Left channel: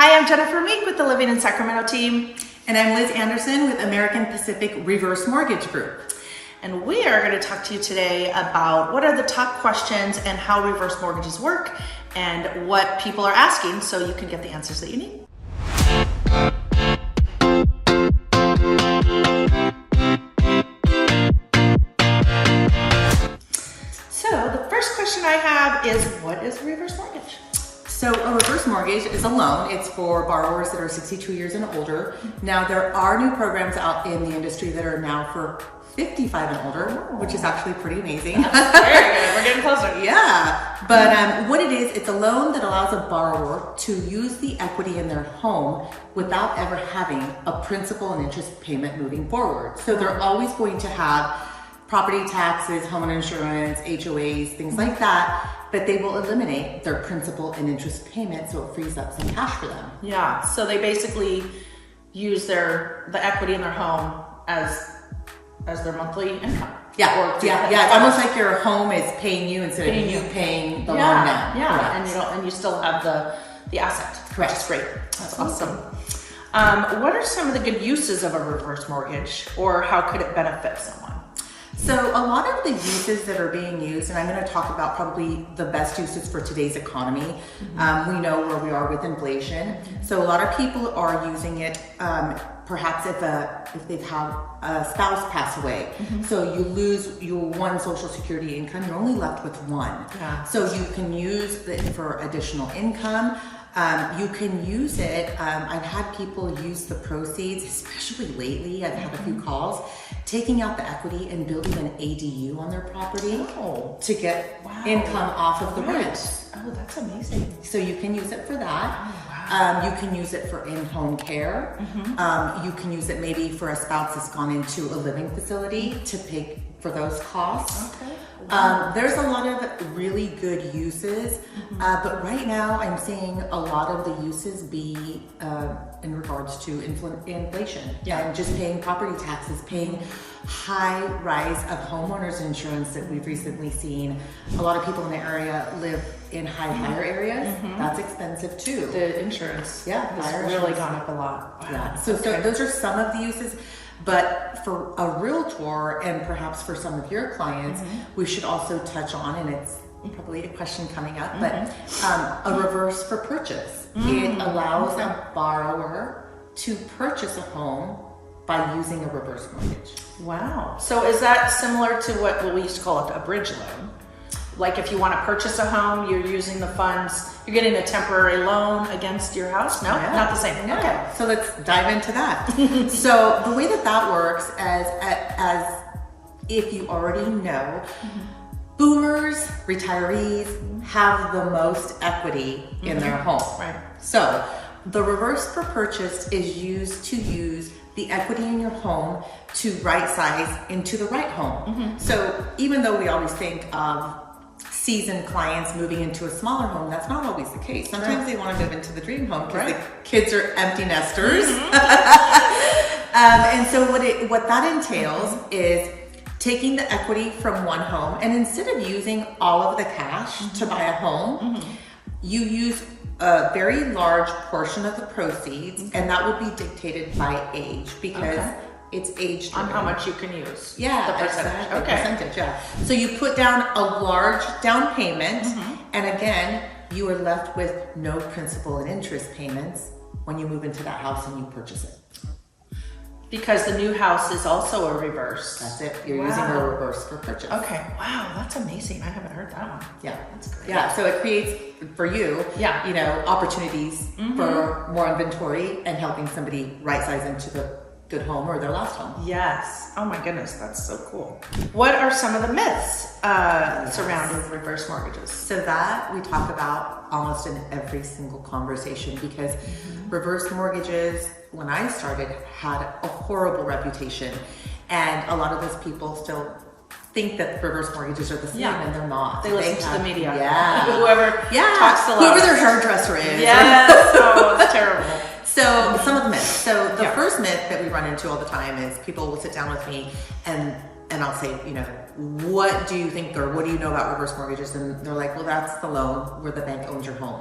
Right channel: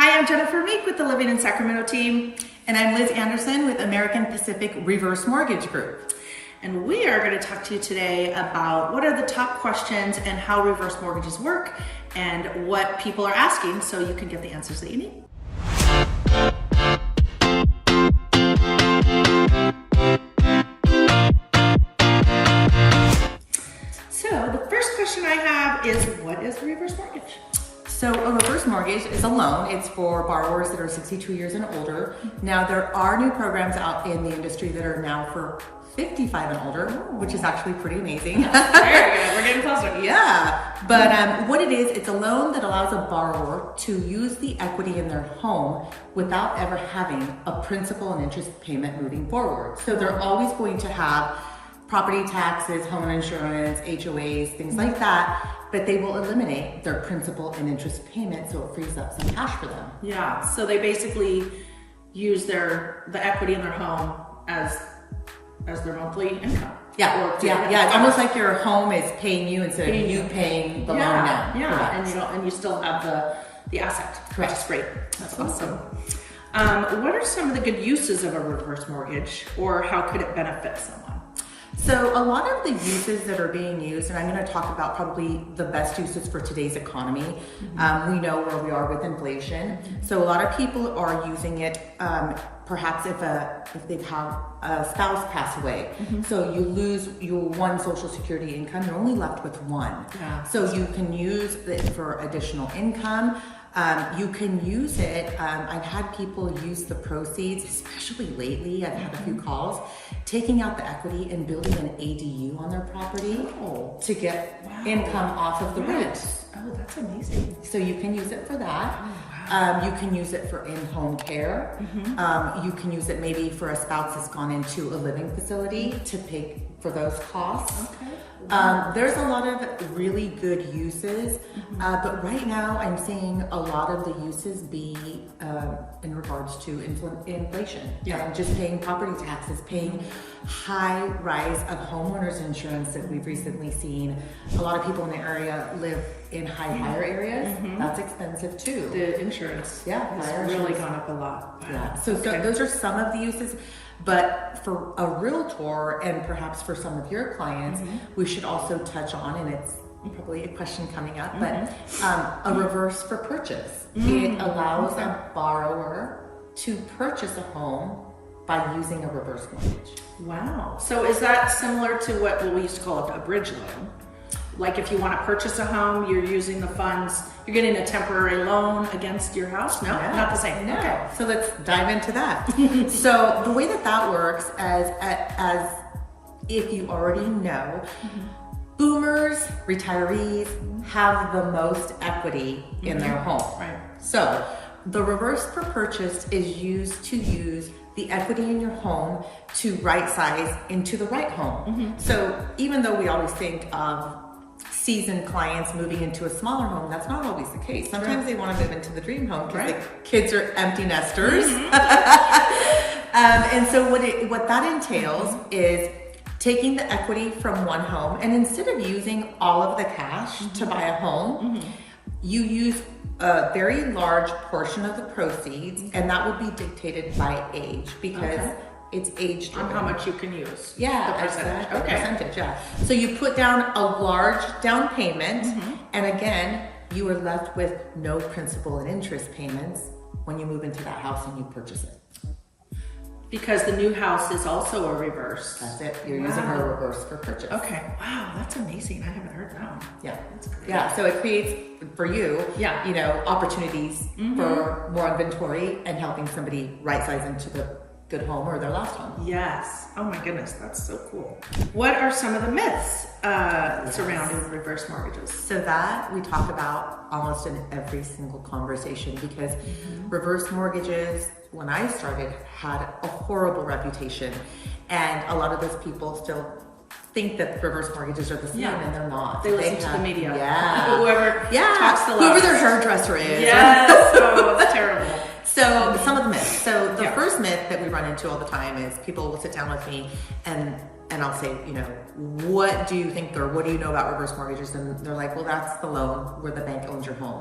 Hi, I'm Gennifer Meek with the Living in Sacramento team. And I'm Liz Anderson with American Pacific Reverse Mortgage Group. And we are going to talk to you today about what are the top questions and how reverse mortgages work and what people are asking so you can get the answers that you need. So the first question I have is, what is a reverse mortgage? So a reverse mortgage is a loan. It's for borrowers that are 62 years and older. Now there are new programs out in the industry that are now for 55 and older, which is actually pretty amazing. Very good. We're getting closer. Yeah, but what it is, it's a loan that allows a borrower to use the equity in their home without ever having a principal and interest payment moving forward. So they're always going to have property taxes, home insurance, HOAs, things like that, but they will eliminate their principal and interest payment, so it frees up some cash for them. Yeah, so they basically use the equity in their home as their monthly income. Yeah, it's almost like your home is paying you instead of you paying the loan now. Yeah, Correct. and you still have the asset. Correct. Which is great. That's awesome. What are some of the good uses of a reverse mortgage, or how could it benefit someone? So a lot of the uses that are being used, and I'm going to talk about probably the best uses for today's economy. We know where we are with inflation. So a lot of people are using it perhaps if they've had a spouse pass away. So you lose your one Social Security income, you're only left with one. Yeah. So you can use it for additional income. You can use it. I've had people use the proceeds, especially lately. I've had a few calls, taking out the equity and building an ADU on their property to get income off of the rent. Oh, that's amazing. So you can use it for that. You can use it for in-home care. You can use it maybe for a spouse that's gone into a living facility to pay for those costs. There's a lot of really good uses, but right now I'm seeing a lot of the uses be in regards to inflation and just paying property taxes, paying high rise of homeowners insurance that we've recently seen. A lot of people in the area live in higher areas. That's expensive too. The insurance, has really gone up a lot. Wow. Yeah, so those are some of the uses. But for a realtor and perhaps for some of your clients, we should also touch on, and it's probably a question coming up, but a reverse for purchase. It allows a borrower to purchase a home by using a reverse mortgage. Wow. So is that similar to what we used to call it a bridge loan? Like if you want to purchase a home, you're using the funds, you're getting a temporary loan against your house? No, not the same. No. Okay. So let's dive into that. So the way that works as if you already know, boomers, retirees have the most equity in their home. Right. So the reverse for purchase is used to use the equity in your home to right size into the right home. So even though we always think of seasoned clients moving into a smaller home, that's not always the case. Sometimes they want to move into the dream home because the kids are empty nesters. And so what that entails is taking the equity from one home, and instead of using all of the cash to buy a home, you use a very large portion of the proceeds, and that will be dictated by age because it's age driven. On how much you can use. Yeah, the percentage. exactly. Percentage, yeah. So you put down a large down payment, and again, you are left with no principal and interest payments when you move into that house and you purchase it. Because the new house is also a reverse. That's it. You're using a reverse for purchase. Okay. Wow, that's amazing. I haven't heard that one. Yeah, that's great. Yeah, so it creates for you, opportunities for more inventory and helping somebody right size into the good home or their last home. Yes. Oh my goodness, that's so cool. What are some of the myths surrounding reverse mortgages? So that we talk about almost in every single conversation because reverse mortgages, when I started, had a horrible reputation, and a lot of those people still think that reverse mortgages are the same, and they're not. They listen to the media. Yeah. Whoever talks the whoever loudest. their hairdresser is. Yes. Oh, it's terrible. So some of the myths. So the first myth that we run into all the time is people will sit down with me and and I'll say, you know, what do you think, or what do you know about reverse mortgages? And they're like, well, that's the loan where the bank owns your home.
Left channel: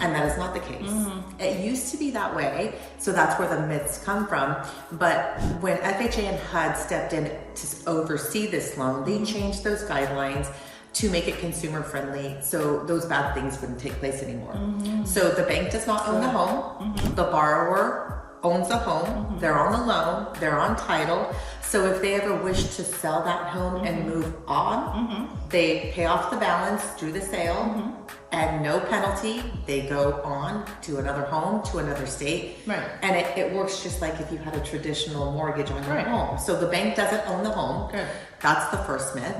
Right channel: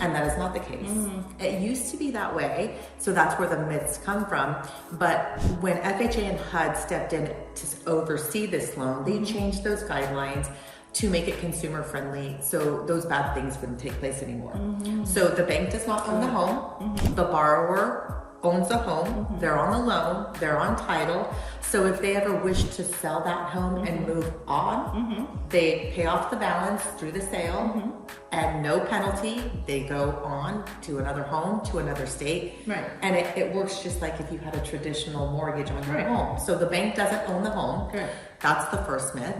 And that is not the case. It used to be that way. So that's where the myths come from. But when FHA and HUD stepped in to oversee this loan, they changed those guidelines to make it consumer friendly, so those bad things wouldn't take place anymore. So the bank does not own the home. The borrower owns the home, they're on the loan, they're on title. So if they ever wish to sell that home and move on, they pay off the balance through the sale and no penalty. They go on to another home, to another state. Right. And it works just like if you had a traditional mortgage on your home. So the bank doesn't own the home. Good. That's the first myth.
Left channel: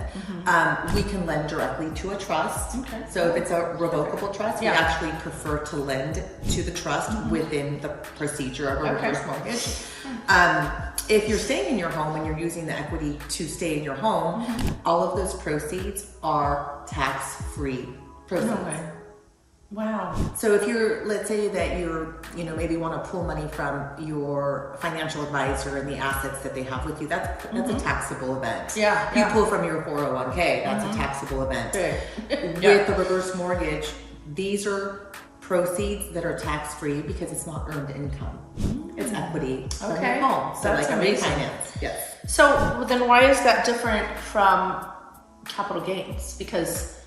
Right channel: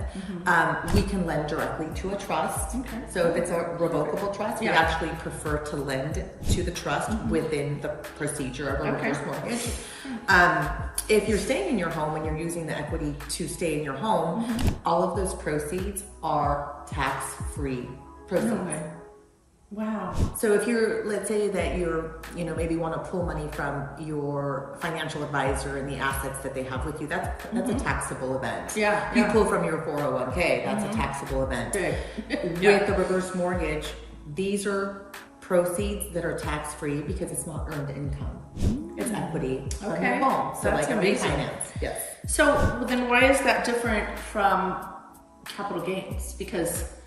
We can lend directly to a trust. So if it's a revocable trust, we actually prefer to lend to the trust within the procedure of a reverse mortgage. If you're staying in your home and you're using the equity to stay in your home, all of those proceeds are tax-free proceeds. No way. Wow. So if you're, let's say that you're, you know, maybe want to pull money from your financial advisor and the assets that they have with you, that's a taxable event. Yeah. You pull from your 401k, that's a taxable event. With the reverse mortgage, these are proceeds that are tax-free because it's not earned income. It's equity from your home. So That's like a amazing. refinance. Yes. So then why is that different from capital gains? Because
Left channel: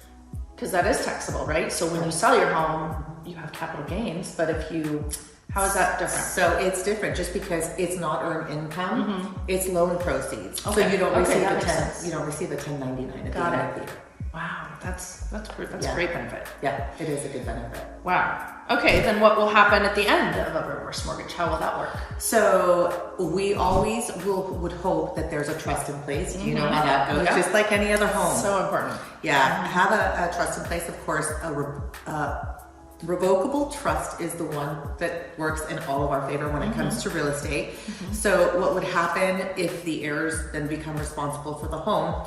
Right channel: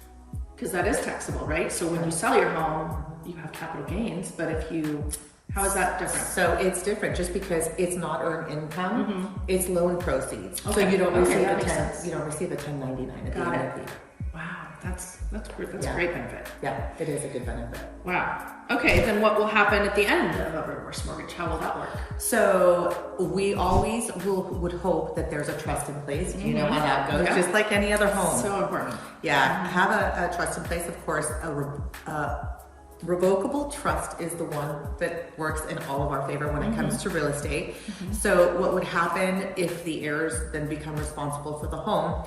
that is taxable, right? So when you sell your home, you have capital gains, but how is that different? So it's different just because it's not earned income, it's loan proceeds. Okay. So you don't receive that a makes sense. you don't receive a 1099 at the end of the year. Wow, that's a great benefit. Yeah, it is a good benefit. Wow. Okay, then what will happen at the end of a reverse mortgage? How will that work? So we always would hope that there's a trust in place. You know how that goes, just like any other home. So important. Yeah, have a trust in place. Of course, revocable trust is the one that works in all of our favor when it comes to real estate. So what would happen if the heirs then become responsible for the home?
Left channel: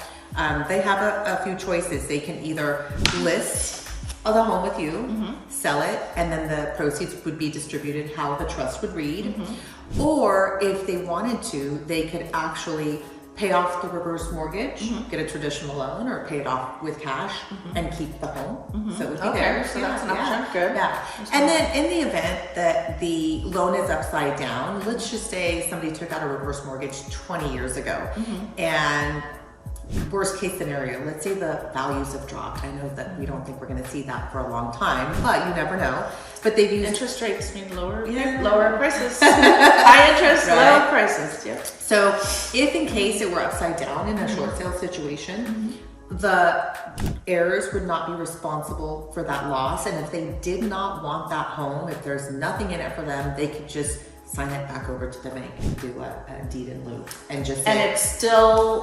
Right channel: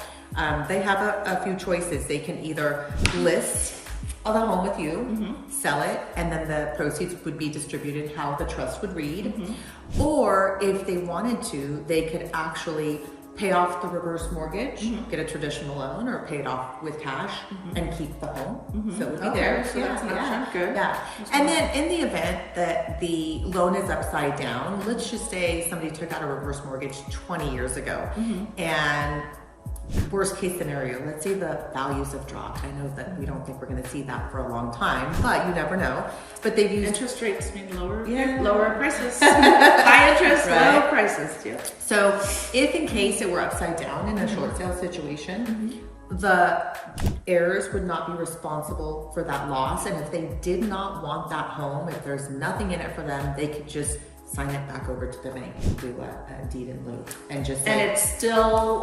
They have a few choices. They can either list the home with you, sell it, and then the proceeds would be distributed how the trust would read. Or if they wanted to, they could actually pay off the reverse mortgage, get a traditional loan, or pay it off with cash and keep the home. So it would be theirs. So that's an option. Good. Yeah. And then in the event that the loan is upside down, let's just say somebody took out a reverse mortgage 20 years ago, and worst case scenario, let's say the values have dropped. I know that we don't think we're going to see that for a long time, but you never know. But they've used Interest rates mean lower prices. Right. High interest, lower prices. Yeah. So if in case it were upside down in a short sale situation, the heirs would not be responsible for that loss. And if they did not want that home, if there's nothing in it for them, they could just sign it back over to the bank and do a deed in lieu and just say. And it's still,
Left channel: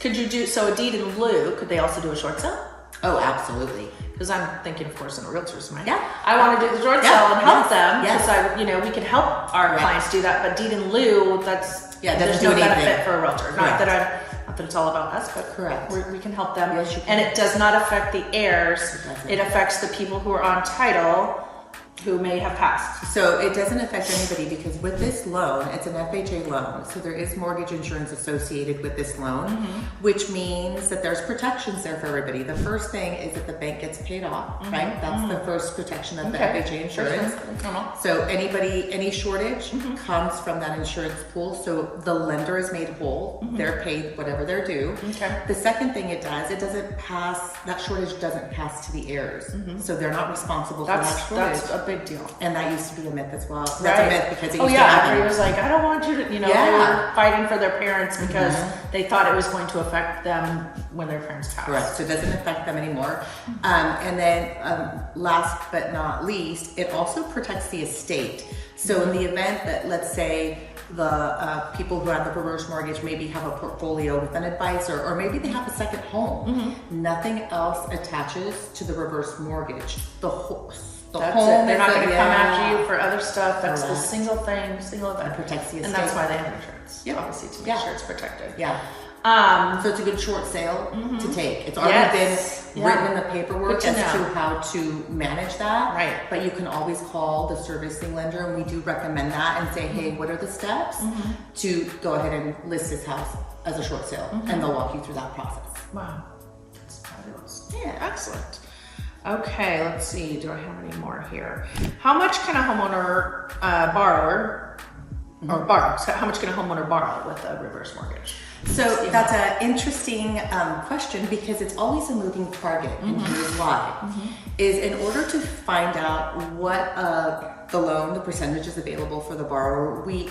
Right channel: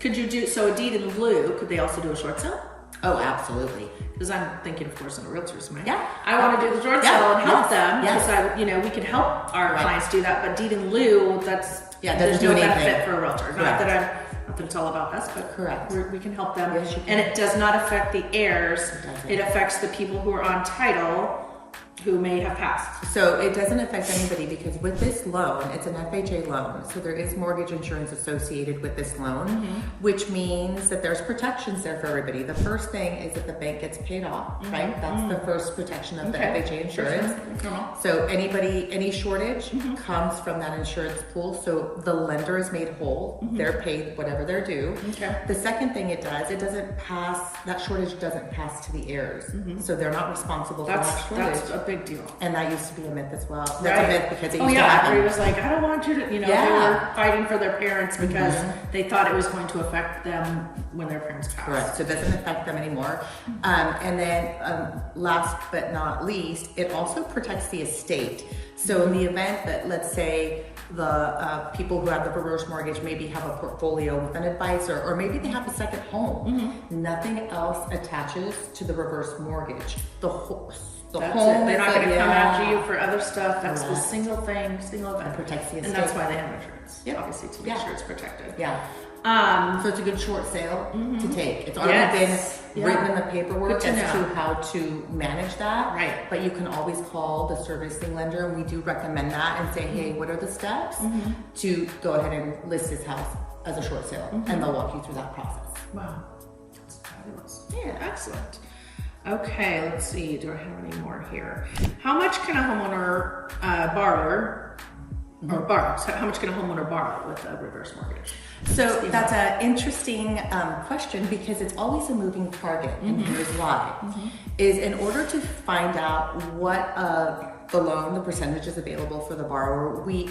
could you do, so a deed in lieu, could they also do a short sale? Oh, absolutely. Because I'm thinking, of course, in a realtor's mind. Yeah. I want to do the short sale and help them. Yes. Because we can help our clients do that. But deed in lieu, there's doesn't no do anything. benefit for a realtor. Correct. Not that it's all about us, but Correct. we can help them. Yes, you can. And it does not affect the heirs. It doesn't. It affects the people who are on title who may have passed. So it doesn't affect anybody because with this loan, it's an FHA loan. So there is mortgage insurance associated with this loan, which means that there's protections there for everybody. The first thing is that the bank gets paid off, right? That's the first protection of the FHA insurance. So any shortage comes from that insurance pool. So the lender is made whole. They're paid whatever they're due. The second thing it does, that shortage doesn't pass to the heirs. So they're not responsible for that shortage. That's a big deal. And that used to be a myth as well. That's a myth because it used to It happen. was like, I don't want you to, they were fighting for their parents because they thought it was going to affect them when their parents passed. Correct. So it doesn't affect them anymore. And then last but not least, it also protects the estate. So in the event that, let's say, the people who have the reverse mortgage maybe have a portfolio with an advisor, or maybe they have a second home. Nothing else attaches to the reverse mortgage. The home They're is not going to come after you for other stuff. That's the Correct. single event. It protects the estate. And that's why they have insurance. Yeah. Obviously, to make sure it's protected. Yeah. So it's a good short sale to take. It's already been written in the paperwork as to how to manage that. Right. But you can always call the servicing lender, and we do recommend that, and say, hey, what are the steps to go ahead and list this house as a short sale, and they'll walk you through that process. Wow, that's fabulous. Yeah. Excellent. Okay, let's see. Do I have any more here? How much can a homeowner borrow? So how much can a homeowner borrow with a reverse mortgage? So that's an interesting question, because it's always a moving target, and here's why. Is in order to find out what the loan, the percentage is available for the borrower, we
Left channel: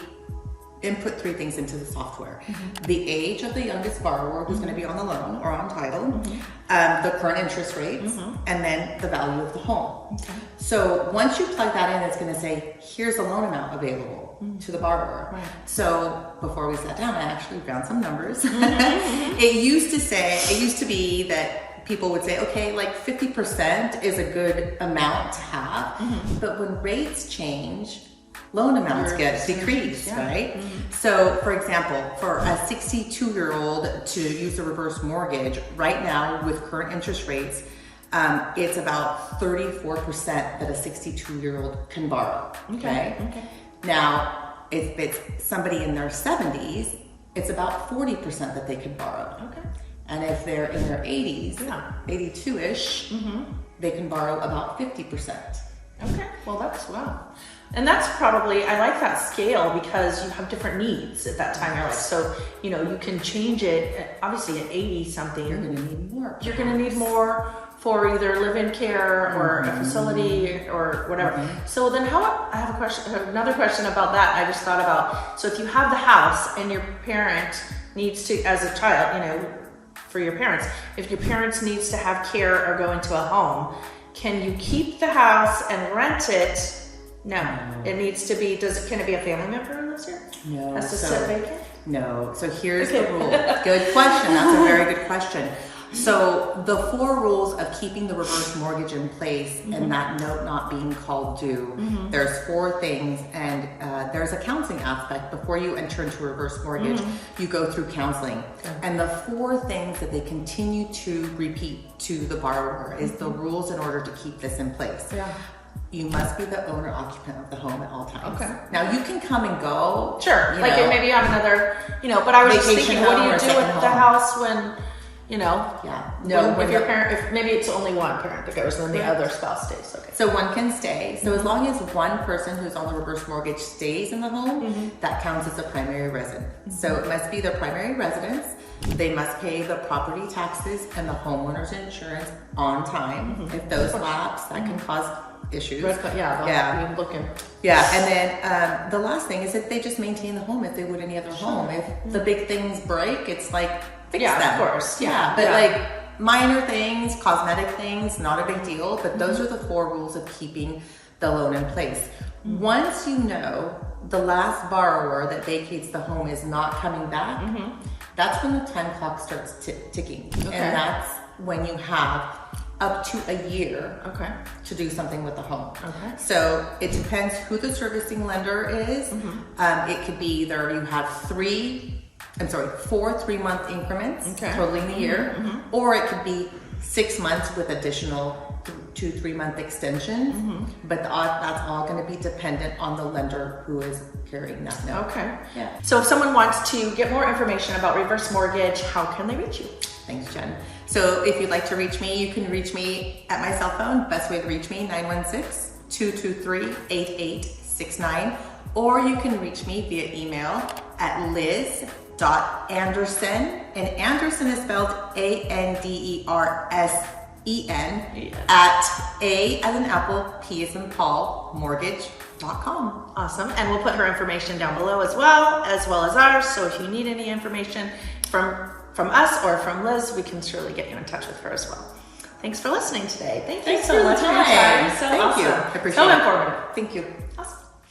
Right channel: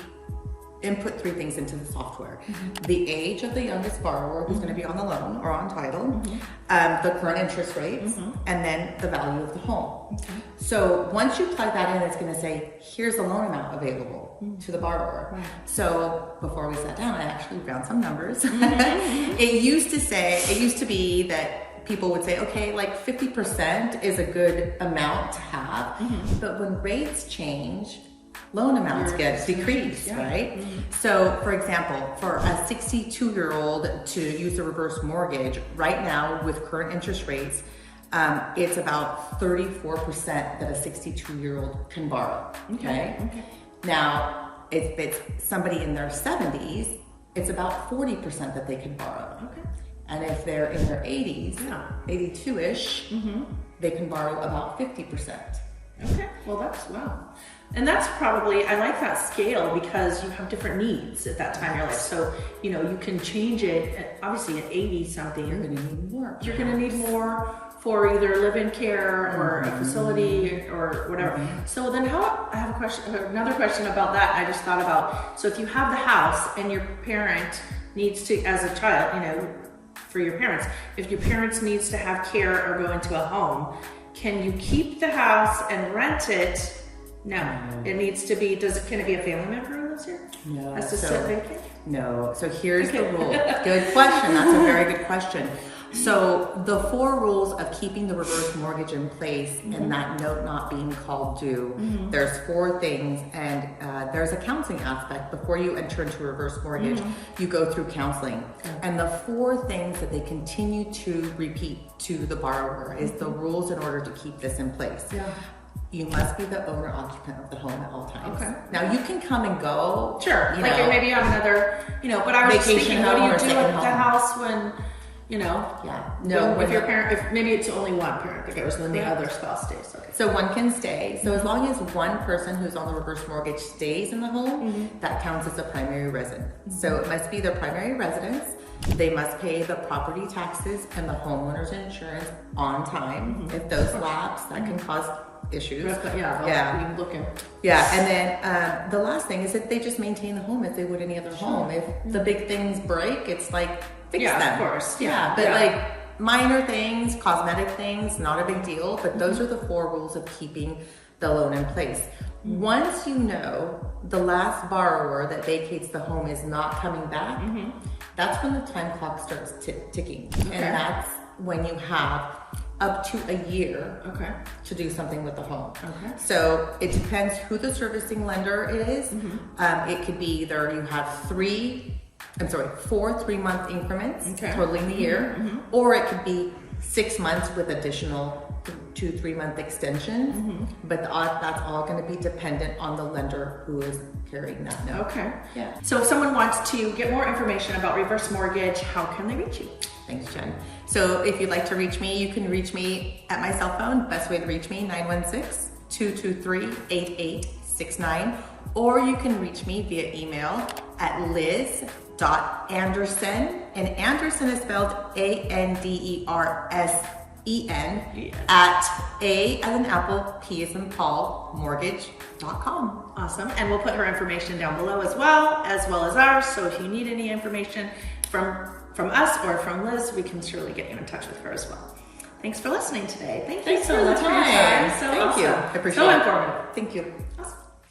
input 3 things into the software. The age of the youngest borrower who's going to be on the loan or on title, the current interest rates, and then the value of the home. So once you plug that in, it's going to say, here's the loan amount available to the borrower. So before we sat down, I actually found some numbers. It used to be that people would say, okay, like 50% is a good amount to have. But when rates change, loan amounts get decreased, right? So for example, for a 62-year-old to use a reverse mortgage right now with current interest rates, it's about 34% that a 62-year-old can borrow, okay? Now, if it's somebody in their 70s, it's about 40% that they could borrow. And if they're in their 80s, 82-ish, they can borrow about 50%. Okay, well that's, wow. And that's probably, I like that scale because you have different needs at that time in your life. So, you know, you can change it, obviously at 80 something. You're gonna need more. You're gonna need more for either live-in care or a facility or whatever. So then I have a question, another question about that I just thought about. So if you have the house and your parent needs to, as a child, you know, for your parents, if your parents needs to have care or go into a home, can you keep the house and rent it? No, it needs to be, can it be a family member who lives here? No. Has to sit vacant? No, so here's the rule. Good question, that's a very good question. So the 4 rules of keeping the reverse mortgage in place and that note not being called due, there's 4 things, and there's a counseling aspect. Before you enter into a reverse mortgage, you go through counseling. And the 4 things that they continue to repeat to the borrower is the rules in order to keep this in place. You must be the owner occupant of the home at all times. Now you can come and go. Sure, like maybe you have another, you know, but I was just thinking, what do you do with the house when, you know? No, if your parent, if maybe it's only one parent that goes and then the other spouse stays. So one can stay. So as long as one person who's on the reverse mortgage stays in the home, that counts as a primary resident. So it must be their primary residence. They must pay the property taxes and the homeowner's insurance on time. If those lapse, that can cause issues. And then the last thing is that they just maintain the home as they would any other home. If the big things break, it's like fix them. Of course. But like minor things, cosmetic things, not a big deal. But those are the 4 rules of keeping the loan in place. Once you know the last borrower that vacates the home is not coming back, that's when the time clock starts ticking, and that's when you have up to a year to do something with the home. So it depends who the servicing lender is. It could be either you have 4 3-month increments totaling the year, or it could be 6 months with additional 2-3-month extensions. But that's all going to be dependent on the lender who is carrying that note. So if someone wants to get more information about reverse mortgage, how can they reach you? Thanks, Jen. So if you'd like to reach me, you can reach me at my cell phone. Best way to reach me, 916-223-8869. Or you can reach me via email at liz.anderson, and Anderson is spelled Andersen, at A as in apple, P as in Paul, mortgage.com. Awesome. And we'll put her information down below as well as ours. So if you need any information from us or from Liz, we can surely get you in touch with her as well. Thanks for listening today. Thank you so much for your time. Thank you. I appreciate it. So informative. Thank you.